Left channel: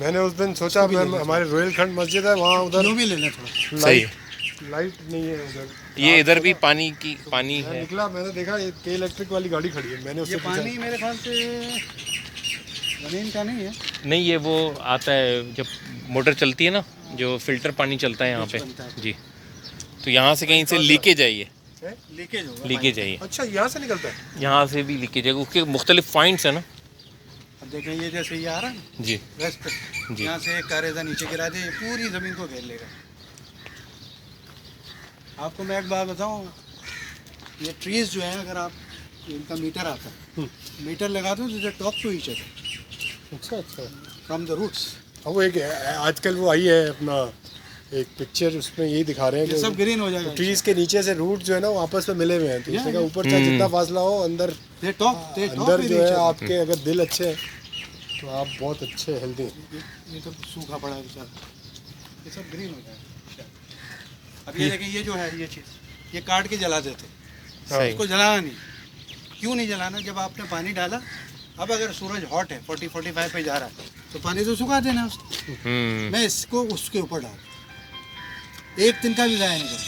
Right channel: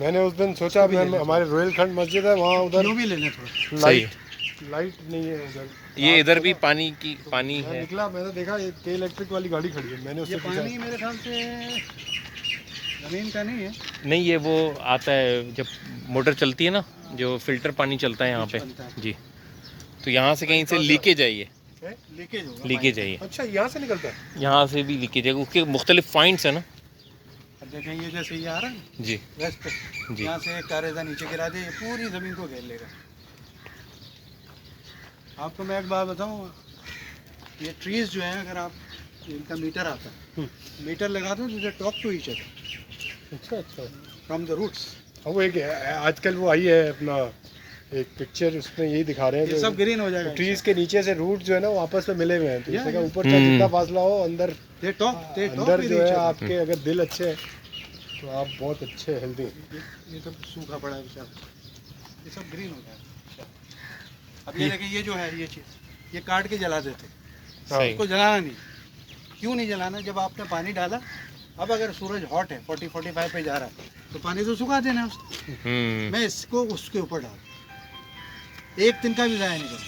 मैंने उस दिन सोचा हमारे रोहिलखंड मस्जिद है वहाँ उधर भी ले लें थोड़ा। सही है। लाइट नहीं है उधर। ये इधर भी पानी मैं है। निकला, मैंने देखा ये के इलेक्ट्रिक वाली गाड़ी खड़ी है, मैंने उससे ये पानी मेरे ख्याल से ज़मीन का नहीं है। नहीं, ये वो आता है जब मोटर चलती है ना, जो फिल्टर पानी चलता है यहाँ पे जी। तो यहाँ से कहीं से लीकेज है, ये लीकेज होगा। लीकेज है ये। अच्छा यहाँ से निकलता है? यहाँ से भी लीकेज है, उसके मुख्तलिफ पॉइंट्स है ना। अब देखें ये जैसे ये आ रहा है ना जी वेस्ट पे, जी। यहाँ से एक कारेजा नीचे गिरा दे, ये पूरी ज़मीन को घेर लेगा। आपको मैं एक बात बताऊँ, ये ट्रीज़ जो है अगर आप इनका मीटर आता है, मीटर लगा दो तो टॉक टू ईच अदर अच्छा अच्छा। From the roots. अब वो एक आजकल वो आई है अपना एक पिक्चर, उसमें यही दिखा रहे हैं ये सब ग्रीन हो जाएगा। ट्रीज के नीचे से रूट जो है ना वो आपस में मिले हुए हैं, तो इसका ऊपर चाहे जितना फासला हो अंदर ये टॉक अंदर जो है आपके अगर दिल अच्छे हैं तो आप बहुत अच्छे हेल्दी। ये सब सूखा पड़ा है बेचारा, ये सब ग्रीन हो जाएगा। अब ये देखें, ये जो है ये चीज़ ये काट के जला देते, सही। इसको जलाना नहीं। क्यों नहीं जलाना? जब आपने पानी डाला, अब अगर सूरज हॉट है 40-45 पे जा रहा है तो पानी तो सुखा देना उसको। मैं इसको उसके ऊपर डाल, एक दिन का भी ज़ाया नहीं करूँ,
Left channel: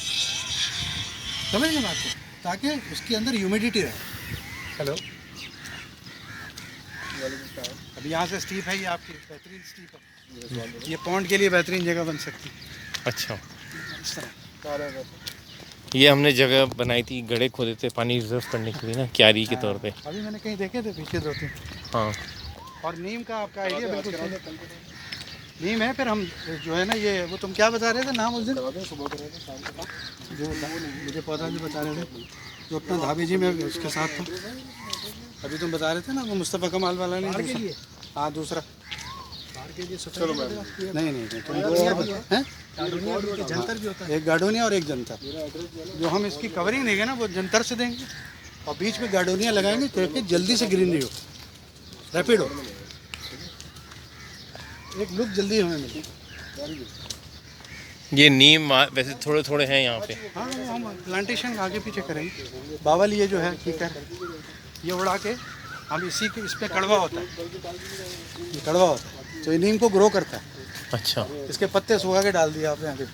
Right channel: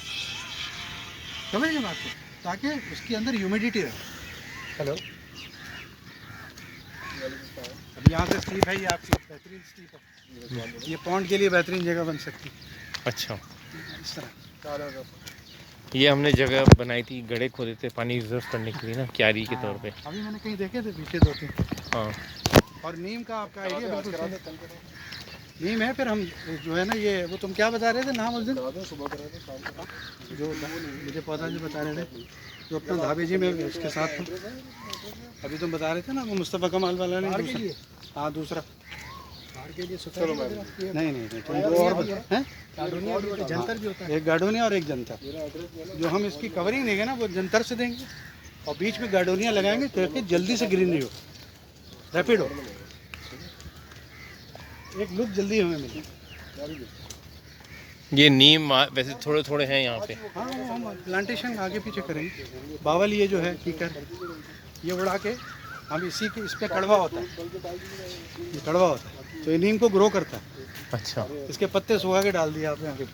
समझ गए बात को, ताकि उसके अंदर ह्यूमिडिटी रहे। हेलो, अब यहाँ से स्टीप है, ये आपकी बेहतरीन स्टीप है, ये पॉन्ड के लिए बेहतरीन जगह बन सकती है। अच्छा, इस तरह ये हमने जगह बनाई थी, गड्ढे खोदे थे पानी रिजर्व करने के लिए ना, क्यारी के तौर पे। अभी मैंने कहीं देखे थे पीछे 2-3। हाँ, और नीम का आपका आइडिया बिल्कुल सही। नीम है, फिर हम जो है ना ये वो तुम क्या बता रहे थे नाम उस दिन, जो मुझे पौधा जो बता रहे थे जो अपना धाबी जी में उसके साथ था, अभी तुम बता रहे थे ना वो मुस्तफ़ा कमाल वाला नहीं, हाँ दूसरा। नहीं तुम दो और हैं, जंतर भी होता है, एक गार्डोनिया और एक जंतर। जो हम इसकी कवरिंग देंगे ना वो जंतर से देंगे और बीच में गार्डोनिया लगाएंगे ताकि जल्दी से ग्रीनरी हो, रैपिड हो, एक लुक जल्दी हमें मिले। ये नीम वैसे थोड़े थोड़े हैं यहाँ पे। हाँ हम प्लांटेशन आगे पीछे करेंगे। बावल ये जो है ठीक है, ये उड़ा के हम इसी के इस पे कड़वा होता है, ये कड़वा होता है तो ये नीम को ग्रो करता है। अच्छा, इसके पत्ते सुखा के डाल दिए आपने आगे,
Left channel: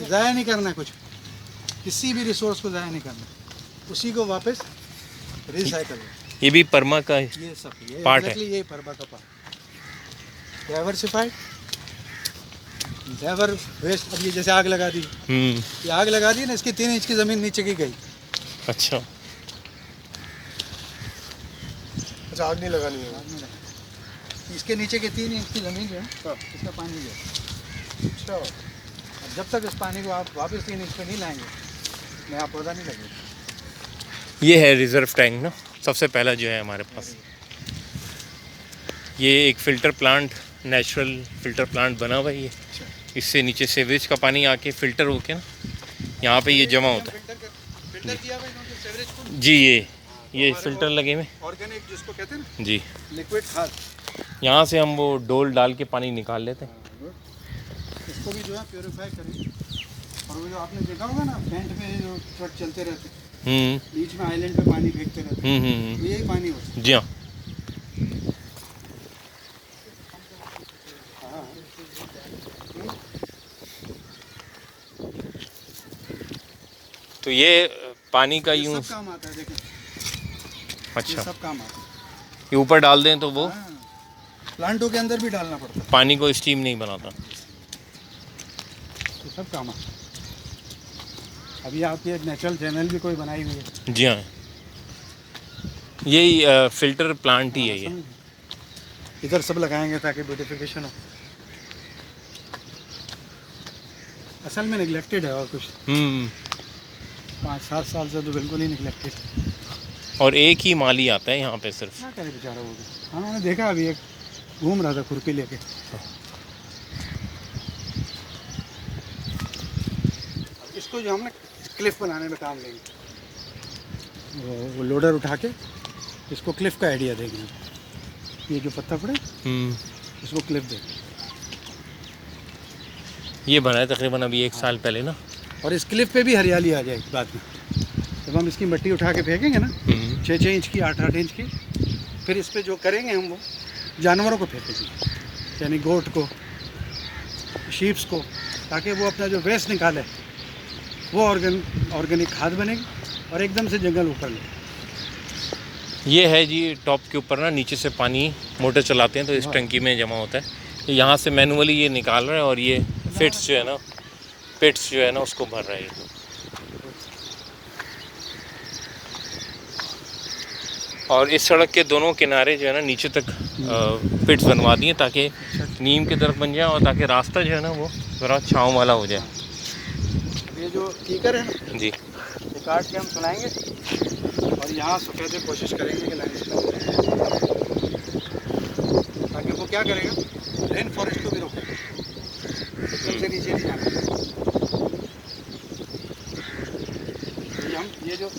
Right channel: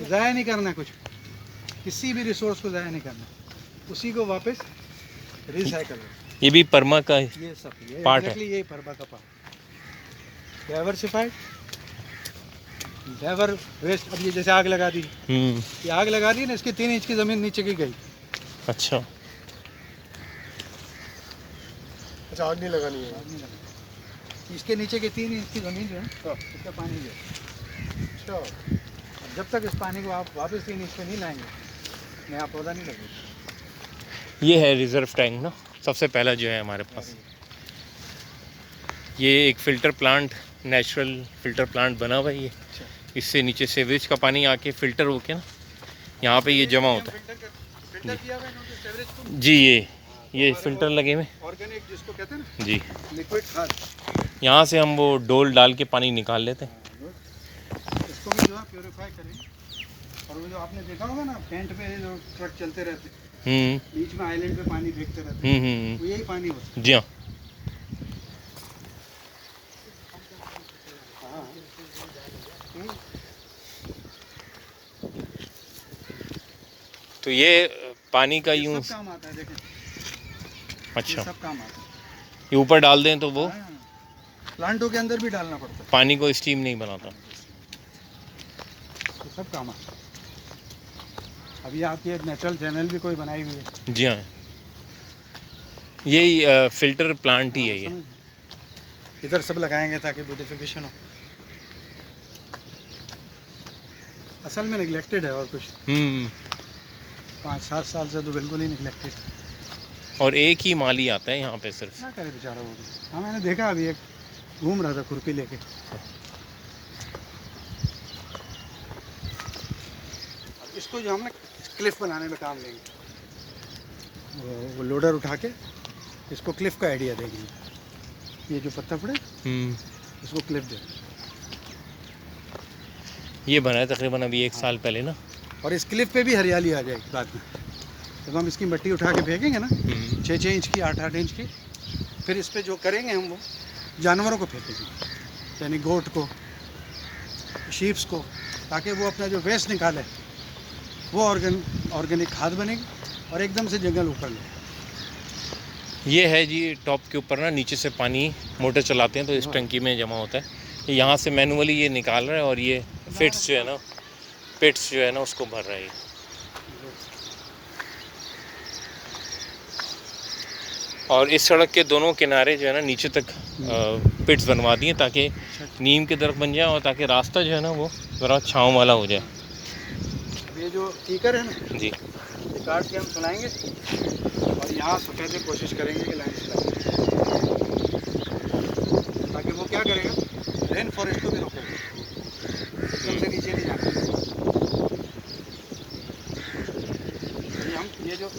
ज़ाया नहीं करना कुछ, किसी भी रिसोर्स को ज़ाया नहीं करना, उसी को वापस रिसाइकल। ये भी परमा का ये सब ये पार्ट है। ये परमा का पार्ट डाइवर्सिफाइड, नेवर वेस्ट। अब ये जैसे आग लगा दी, ये आग लगा दी ना, इसकी 3 इंच की ज़मीन नीचे की गई। अच्छा, आग नहीं लगानी है, इसके नीचे के 3 इंच की ज़मीन जो है इसका पानी गया। अच्छा, अब जब तक इस पानी को आप वापस 3 इंच पे नहीं लाएंगे नया पौधा नहीं लगेगा। ये है रिजर्व टैंक ना, सबसे पहला जो है हमारे पास। ये एक filter plant, natural filter plant बना हुआ है ये। इससे नीचे सीवरेज का पानी आके फ़िल्टर होके ना यहाँ पे ये जमा होता है जी। ये फ़िल्टर लगे हुए ऑर्गेनिक जिसको कहते हैं जी, लिक्विड खाद, यहाँ से हम वो डोल डाल के पानी निकाल लेते हैं। इसको भी जो है प्योरीफाई करें। और वो जो आपने देखा होगा ना टेंट में जो ट्रक चलते रहते, बीच में आइलैंड पे पानी फेंकते रहते, तो यही पानी होता है। जी हाँ। तो ये पानी का यूँ सब काम आता है, देखें अच्छा, ये सब काम आता है। ये ऊपर डाल दें तो वो प्लांटों के अंदर भी डालना पड़ता है, पानी को स्टीम नहीं बनाता। ये सब काम आता है। अभी आपकी एक नेचुरल चैनल भी कोई बनाई हुई है। जी हाँ, यही फ़िल्टर प्लांट ही है ये। इधर सब लगाएंगे ताकि ब्यूटिफिकेशन हो। असल में निगलेक्टेड है और कुछ 5-7 साल से तो बिल्कुल ही निगलेक्टेड। और एक ही माली आता है यहाँ पे सिर्फ। क्या करे बेचारा वो भी। हाँ मैंने देखा अभी एक घूम रहा था खुरपी लेके। इसको जो हम ना क्लिफ बनाने में काम लेंगे, वो लोडर उठा के इसको क्लिफ का आइडिया देंगे। ये जो पत्ता पड़े इसको क्लिफ देंगे। ये बना है तकरीबन अभी 1 साल पहले ना। और इस क्लिफ पे भी हरियाली आ जाएगी बाद में, जब हम इसकी मिट्टी उठा के फेंकेंगे ना 6-6 इंच की 8-8 इंच की, फिर इस पे जो करेंगे हम वो जानवरों को फेंकेंगे, यानी गोट को, शीप्स को, ताकि वो अपना जो वेस्ट निकाले वो ऑर्गेनिक खाद बनेगी और एकदम से जंगल ऊपर ले। ये है जी टॉप के ऊपर ना, नीचे से पानी मोटर चलाते हैं तो इस टंकी में जमा होता है। यहाँ से मैनुअली ये निकाल रहा है और ये पिट्स जो है ना उसको भर रहा है। और इस सड़क के दोनों किनारे जो है ना नीचे तक पिट्स बनवा दिए ताकि नीम की तरफ बन जाए और ताकि रास्ता जो है ना वो ज़रा छाँव वाला हो जाए। ये जो कीकर है ना, जी, ये काट के हम सुनाएंगे और यहाँ सफेद की कोशिश करेंगे कि लाइन ताकि वो क्या करेगा, रेन फॉरेस्ट को भी रोकेगा, एकदम से नीचे नहीं जाना।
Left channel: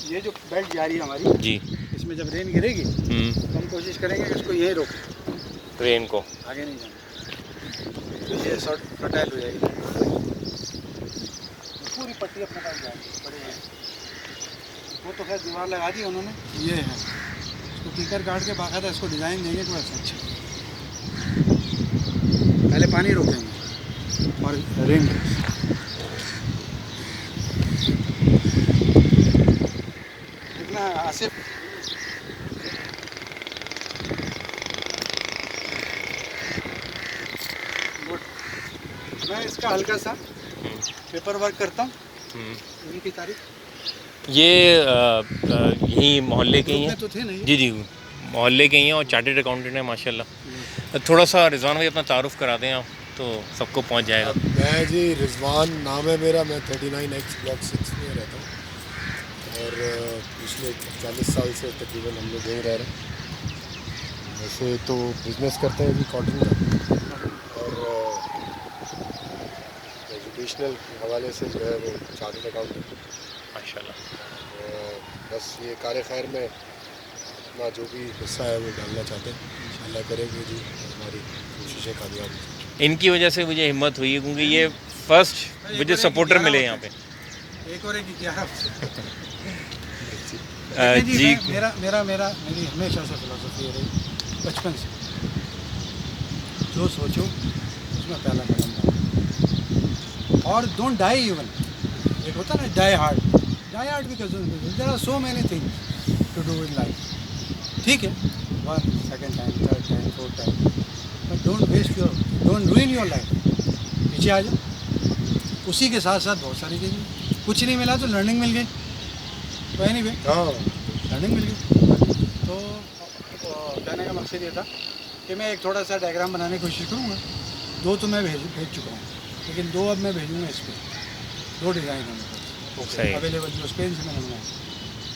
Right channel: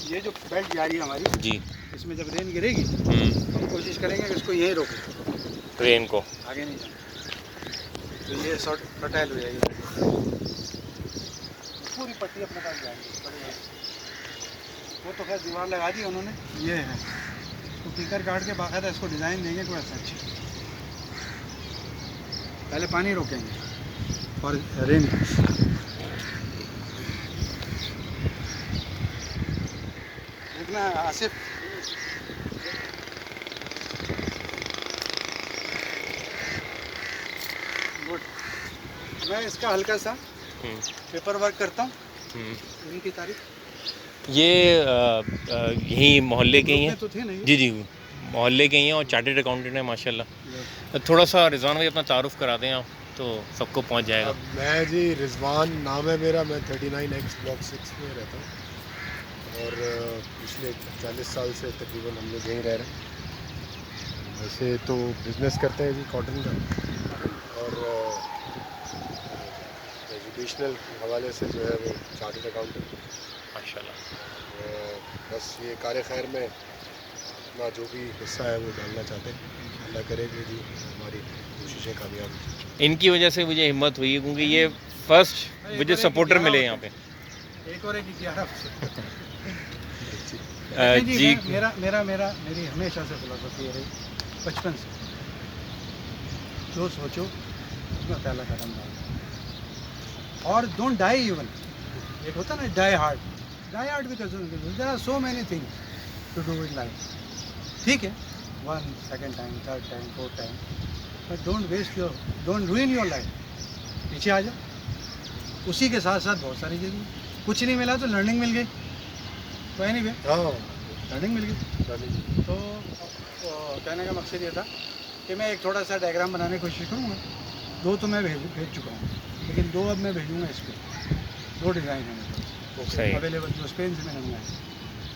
ये जो बेल्ट जा रही है हमारी जी, इसमें जब रेन गिरेगी तो हम कोशिश करेंगे कि इसको यहीं रोकें, ट्रेन को आगे नहीं जाना, तो ये शॉर्ट फर्टाइल हो जाएगी। पूरी पट्टी अपने पास जाएगी बड़े बड़े, वो तो खैर दीवार लगा दी उन्होंने। ये है, इसको कीकर काट के बाकायदा इसको डिज़ाइन देंगे कोई ऐसा अच्छा। पहले पानी रोकेंगे और रेन देखना आसिफ, गुड। मैं इसका हल्का सा पेपर वर्क करता हूँ, इनकी तारीफ। ये यहीं मोहल्ले के ही हैं। तो थे नहीं जी जी, मोहल्ले के ही हैं और चार्टर्ड अकाउंटेंट हैं माशाल्लाह। थोड़ा सा रिजवान भाई अपना तारुफ करा दें आप तो सबको पहुंच जाएगा। मैं जी रिजवान नाम है मेरा, मैं 39X ब्लॉक 6 में रहता हूँ और पिछले 40 साल से तकरीबन हम लोग यहीं रह रहे हैं। वैसे तो बिज़नेस करते हैं जी कॉटन का, और एजुकेशनल हवाले से जो है वो चार्टर्ड अकाउंटेंट माशाल्लाह। बस ये कार खैर में अपना जो भी हिस्सा है वो डालना चाहते हैं। अल्लाह करेगी जी हमारी कोशिशें कामयाब हो। इनकी वजह से मुझे हिम्मत हुई है क्योंकि ये फर्स्ट मुझे सपोर्टर मिले यहाँ पे। एक और एक 11 जी, मेरी हमेशा से फिलोसफी है रही, बचपन से, जो सोचो उसमें पहला कदम डालो और डोंट डाई इवन। एक होता ना die hard because there are so many things to do in life, ठीक है, 1 2nd time 3rd time 4th time, but don't ruin your life. पीछे आ जाओ, उसी के साथ साथ बहुत सारी चीज़ें, कुछ नहीं मिला तो लर्निंग मिल गई, तो एनीवे लर्निंग मिल गई। तो कहने का मकसद ये था कि मैं एक थोड़ा सा डायग्राम बनाने की कोशिश करूँगा। 2 तो मैं भेज चुका हूँ, लेकिन 2 अब मैं भेजूँगा इस पर। 2 डिज़ाइन है मेरे पास अवेलेबल जो स्पेन से मैंने मंगाए,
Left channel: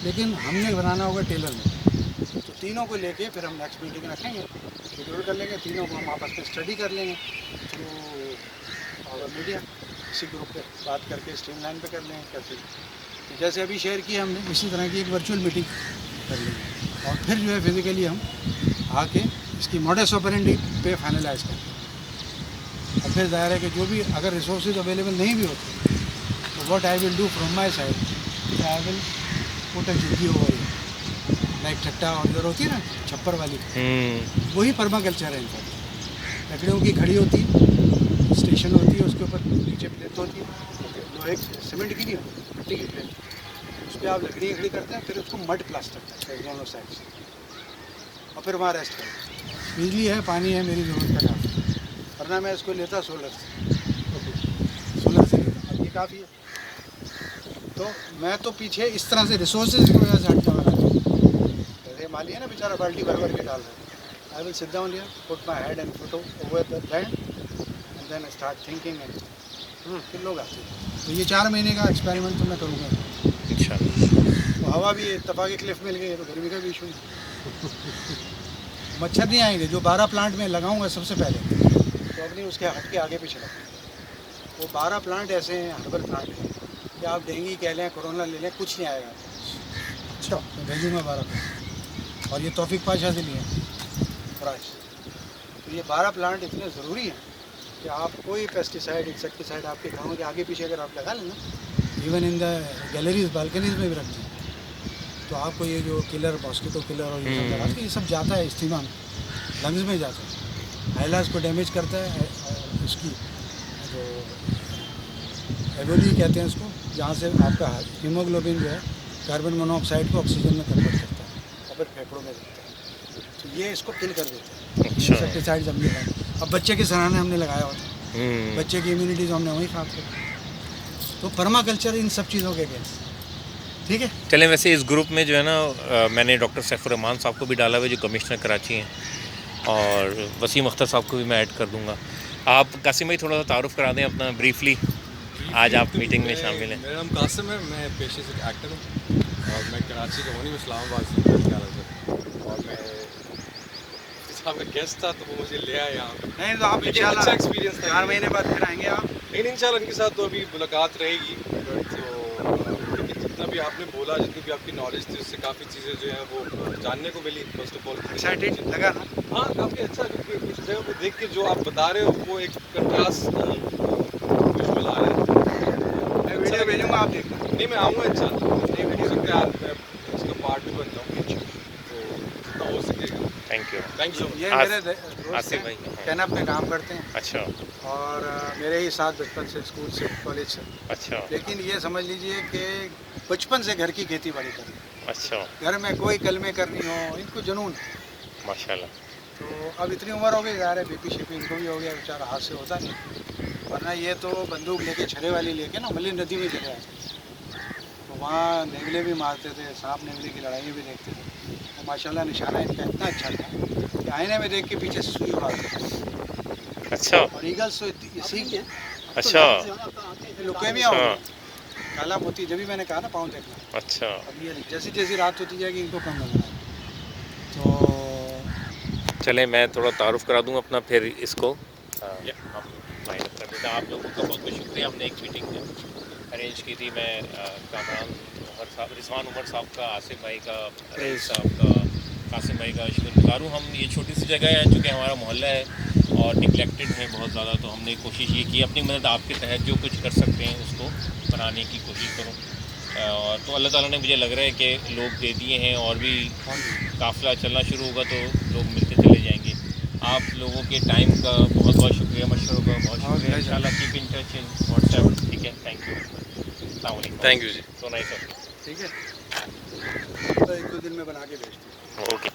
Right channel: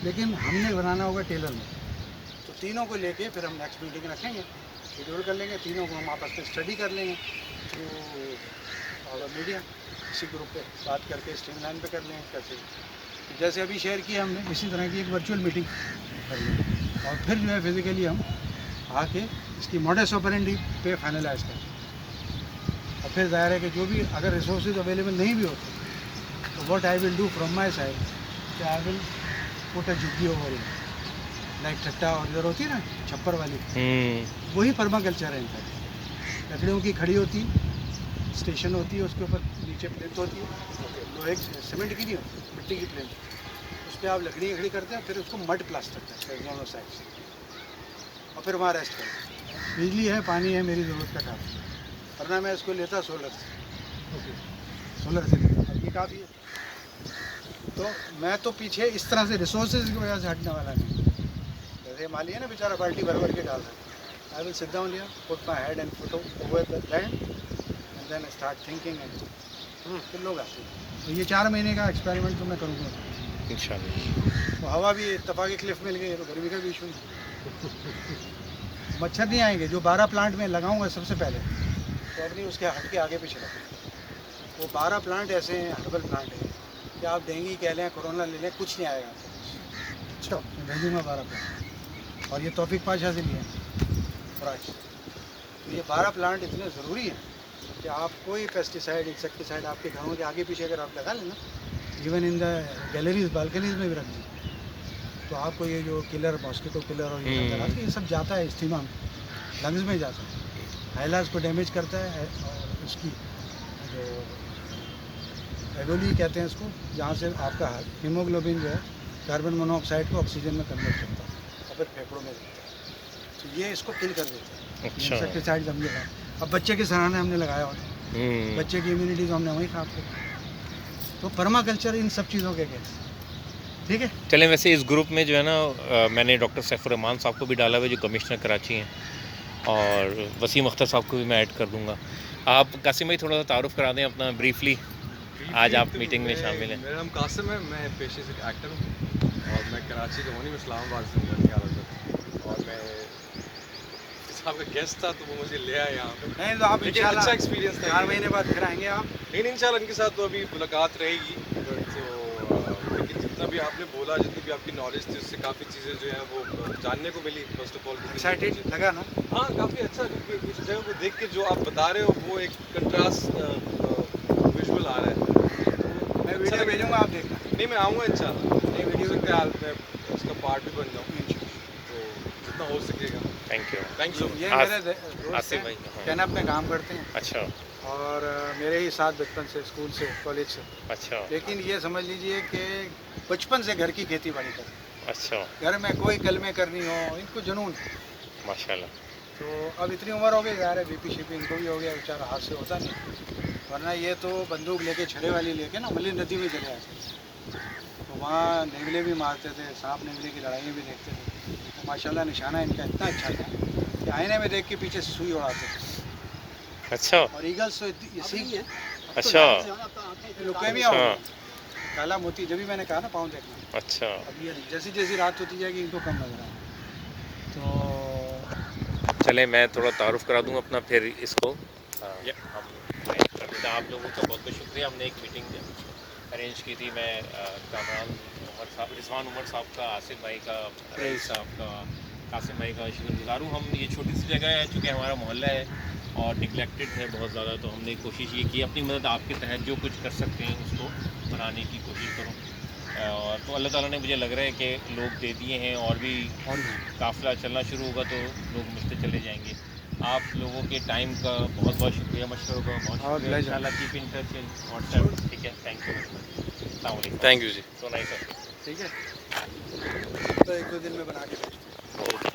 लेकिन हमने बनाना होगा टेलर में। तो तीनों को लेके फिर हम नेक्स्ट मीटिंग रखेंगे, शेड्यूल कर लेंगे, तीनों को हम आपस में स्टडी कर लेंगे थ्रू और मीडिया, इसी ग्रुप पे बात करके स्ट्रीमलाइन पे कर लेंगे कैसे, जैसे अभी शेयर किया हमने, इसी तरह की एक वर्चुअल मीटिंग कर लेंगे और फिर जो है फिज़िकली हम आके इसकी मॉडस ऑपरेंडी पे फाइनलाइज करते हैं। और फिर ज़ाहिर है कि जो भी अगर रिसोर्सेज अवेलेबल नहीं भी होते तो what I will do from my side, I will put a झुग्गी ओवर हियर, लाइक ठट्टा और इधर होती है ना छप्पर वाली, वही पर्माकल्चर है। इनफैक्ट लकड़ियों की खड़ी होती है, स्टेशन होती है, उसके ऊपर नीचे प्लेट होती है, लोहे सीमेंट की नहीं होती, मिट्टी की प्लेट, उस पर आप लकड़ी खड़ी करते हैं, फिर उसको मड प्लास्टर करते हैं दोनों साइड से, और फिर वहाँ रेस्ट करते हैं। बिजली है, पानी है, मेरी ज़रूरत का काफ़ी, वरना मैं इसको लेता सोलर से लेता, अब ये काफ़ी है। तो मैं तो पीछे इस तरह से रिसोर्सेज की वजह से हटने वाला नहीं। जैसे मान लिया ना बेचारा बाल्टी भर के डाल रहा है, I will sit down here, put my head and foot over the land and then start thinking and फिर लोग आते हैं। तो ये 4 महीने का एक्सपेरिमेंट तो मैं करूँगा इंशाल्लाह। तो हवा भी इत्तफाक़ी क्लिफ मिल गई, तो गर्मी का भी इशू नहीं, मच्छर नहीं आएंगे। जो 12 प्लांट में लगाऊंगा सबसे पहले, तो अपनी उसके हट के आगे पीछे लगाऊंगा। वो 12 प्लांट ऐसे हैं, हर्बल प्लांट हैं कि आप डेंगू कह लें, कोरोना ले लें, कुछ नहीं आएगा। अच्छा, मैं भेजूँगा 12 प्लांट, और ये तौफीक पाशा से लिए फराज। तो ये 12 प्लांट इतने ज़रूरी हैं कि आप कोई पेस्टिसाइड इंसेक्टिसाइड आपके घरों के आगे पीछे अगर आप लगा लें ना, even in the galleries balconies में भी रख दें, तो आपको ये जो किलर, मॉस्किटो किलर और ये सब लगा के, ये सब जाता है इस्तेमाल में। लंग्स में जाता है, आइलास को डैमेज करता है, और उसकी जो एवोली कहते हैं इसको, जहाँ से आपका हीमोग्लोबिन जो है कार्बन मोनोऑक्साइड को ऑक्सीजन में कन्वर्ट करता है और फिर फेफड़ों में देता है, तो ये इसको किल कर देता है। अच्छा। इंसेक्टिसाइड्स हमने लगाए, अब बच्चे के सराहने हमने लगाया होता है, बच्चे की इम्यूनिटी तो हमने वहीं खराब कर, तो पर्माकल्चर इन सब चीज़ों के अगेंस्ट, ठीक है। चलें, वैसे इस ग्रुप में जो है ना मैंने डॉक्टर सैफुर रहमान साहब को भी डाला हुआ है जो कमिश्नर कराची हैं, और वसीम अख्तर साहब को भी मैं ऐड कर दूंगा। आप कासिम भाई थोड़ा सा तारुफ करा दें अपना ब्रीफली, आज आप मीटिंग में शामिल हैं। मेरा नाम कासिम है, मैं पेशे से एक्टर हूँ और मैं कराची का हूँ नहीं, मैं इस्लामाबाद से हूँ, और मैं साहब का गेस्ट था तो वो मुझे ले आया यहाँ पे। नहीं तो आप लेकिन अच्छा एक्सपीरियंस था। 4 महीने बाद फिर आएंगे आप? लेकिन इंशाल्लाह इनके साथ तो अभी मुलाकात रहेगी, तो लेकिन जितना भी आपने बोला, जितनी भी आपकी नॉलेज थी, उससे काफ़ी चीज़ें जो हैं वो जानने को मिली। फर्स्ट ऑफ ऑल एक्साइटेड लगा ना? हाँ, काफ़ी अच्छा, क्योंकि इस जगह को देख के जो आप बता रहे हो वो एक कंट्रास्ट विजुअल आ रहा है। मैं वीडियो भेजूंगा, आप देखना। नहीं, मैं आऊँगा इंशाल्लाह, हो सकता है मैं इसका पार्ट भी बन जाऊँ, तो जितना हो सकेगा। Thank you. Thank you. ये आस- मेरे दोस्त आसिफ भाई, हैं, हाँ। कैनप में काम करते हैं अच्छा और मेरे ही साथ बचपन से, स्कूल से, कॉलेज से, अच्छा लेकिन ये समझ लीजिए कि बचपन से घर की खेती बाड़ी करते, अच्छा, घर में कोई कलमे करनी हो, इनको जुनून है। माशाल्लाह। तो अब इतनी उम्र हो गई, जा रहे बीपी शीपी इनको भी हो गया, बेचारा हाथ से होता नहीं, वरना ये तो बंदूक लेके, छड़े वाली लेके ना मल्ली नदी में चले आए, तो वहाँ नेवले भी मारते थे, सांप नेवले की लड़ाइयाँ भी देखते थे, तो माशाल्लाह निशाना इनका इतना अच्छा था कि आईने में देख के पीछे से सुई उड़ाते थे। अच्छा और ईगल्स तो इसी अच्छा लुके भी अच्छा आओ, काला मोती, जब भी मैंने कहा ना पाँव देखना, अच्छा। अब ये जैसी जैसी रात होती जाएगी इनको कम नजर आएगा। तो चलें, मैं थोड़ा तारुफ करा दूँ अपना, फिर इसको हम ज्वाइन कर देते हैं। आप लोगों का बहुत बहुत शुक्रिया। हमने एक मीटिंग अरेंज की थी, मैं कामरान उमर साहब, रिजवान उमर साहब का, आसिफ भाई का, रईस साहब का, कासिम भाई का शुक्रगुजार हूँ। हम ये छोटी सी जगह है, चूँकि हमारा मोहल्ला है और निगलेक्टेड है बहुत ज़्यादा, तो हमने कोशिश ये की अपनी मदद आपके तहत जो कुछ कर सकते हैं उसको बनाने की कोशिश करूँ। और तो अल्लाह ताला ने, मुझे लग रहा है कि लोग दे दिए हैं, और भी काफ़िला चलना शुरू होगा तो लोग मिलते चले जाएंगे। आप लोगों के टाइम का बहुत बहुत शुक्रिया, मशवरों का बहुत शुक्रिया। इंशाल्लाह keep in touch in WhatsApp, ठीक है। Thank you very much. अस्सलाम वालेकुम। थैंक यू जी। So nice of you. ठीक है, तो 1-2 दिन में बना के भेजते हैं। ओके।